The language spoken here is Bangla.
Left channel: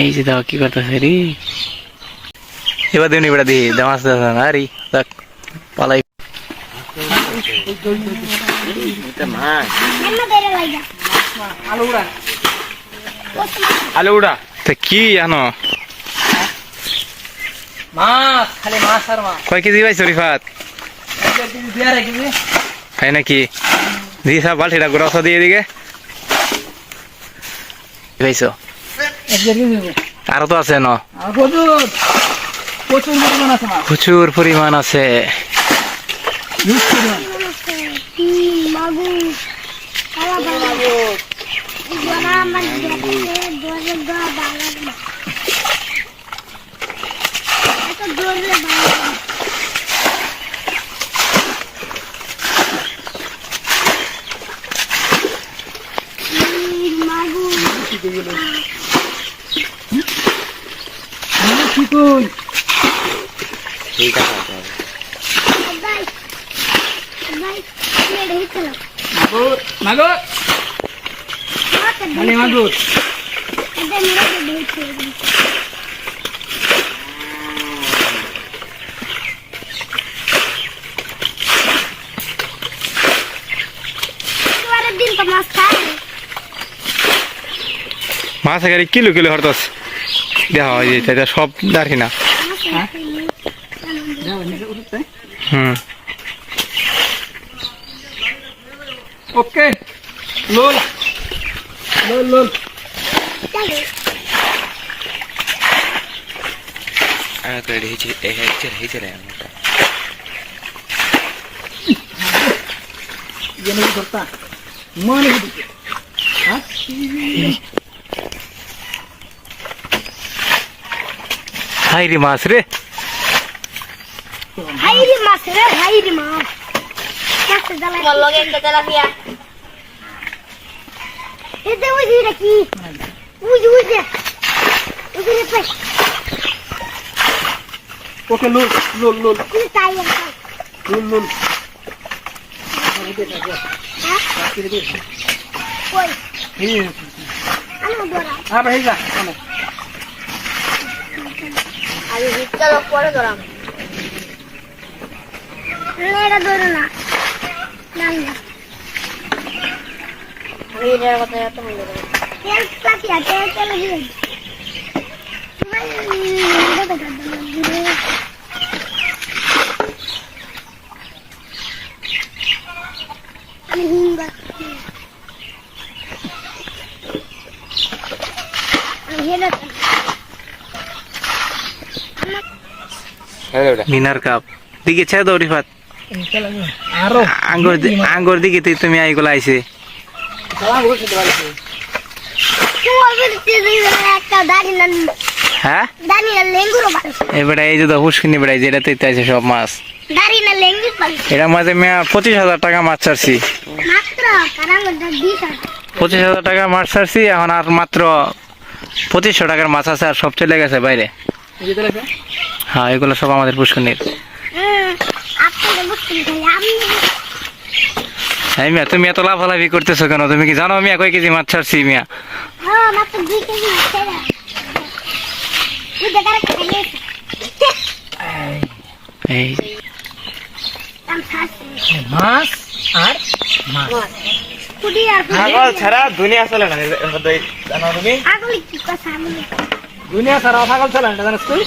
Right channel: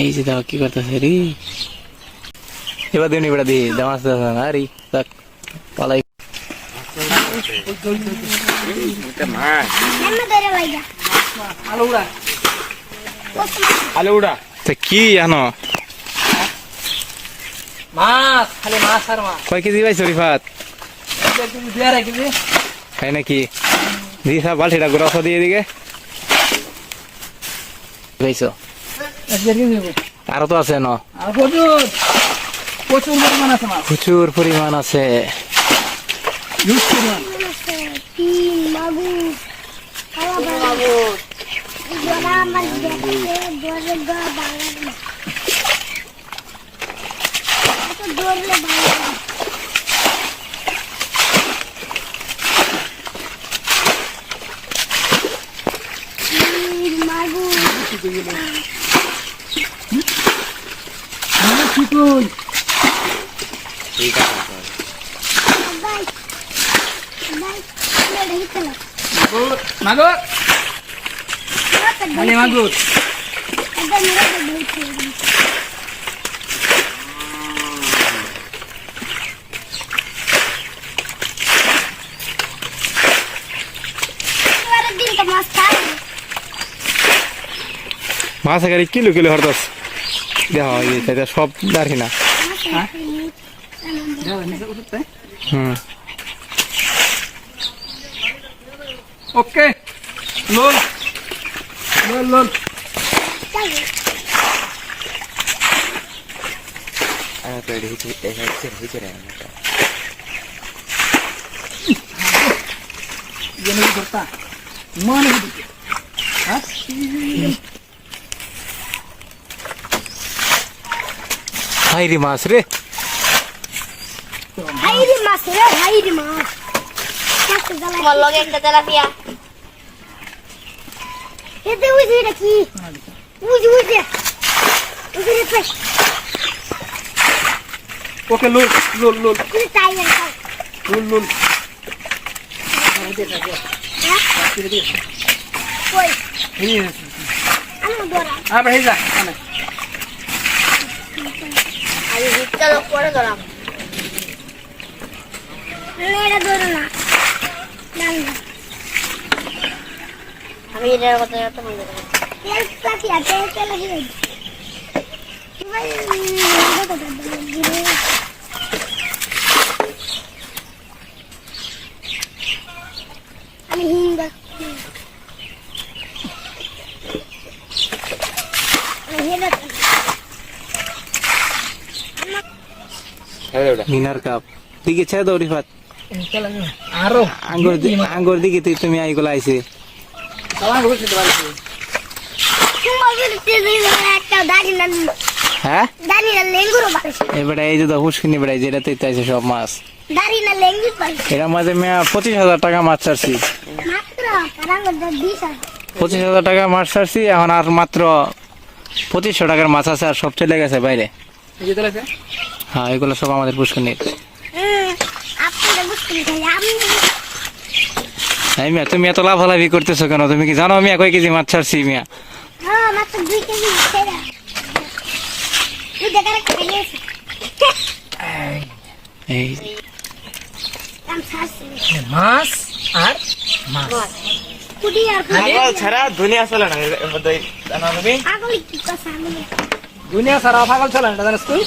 এই যে দাও কি করতেছে রে এবার দেবনি বেড়া দিয়ে দামাস আরে দেখ পালাই আলু উড়া তো কি জানো মাছ খালি মাছ আর মাছ কয় কেজি পাইছো রিফাত তাই নাকি দিয়ে সব বালতিটা গোড়া দিয়ে দিকে পাইছো আরো তো আছে না প্রচুর পরিমাণ আছে মাগুর মানে মাগুর মাছ এখানে কিলো কিলো হরতাস দেখা হয় এটা সব দাঁড়ি না হুম ওকে লোল লোল লোল হাইরি মাছ রে ওকে লোল লোল লোল লোল লোল আবার এই যা মিনার কাপ দিকে ছেড়ে দাও রিফাত আরো আঙ্গুর দিকে তুমি আইগুলো আইছে হ্যাঁ এবারে এই যে হুসকিনি বেড়াই যেটাতে আছে সব মাছ এটা মাঝে 25,000 টাকা মাছ ছাড়ছি 25,000 টাকা মাছ ছাড়ছি এখন আর মাত্র 2500 টাকার মাছ আছে আর সব চলে গেছে বাইরে হ্যাঁ এগুলো সব আমাদের পুষ্করণীর হ্যাঁ মিয়া তুমি এত লাফালাফি করতেছো কেন তুমি কি জানো মিয়া কয় কেজি মাছ ছাড়ছি মিয়া এই মাছ আর মাছ ছাড়া দুনিয়া চলে না দুনিয়া সারা পাগল চলে না জানিস তুই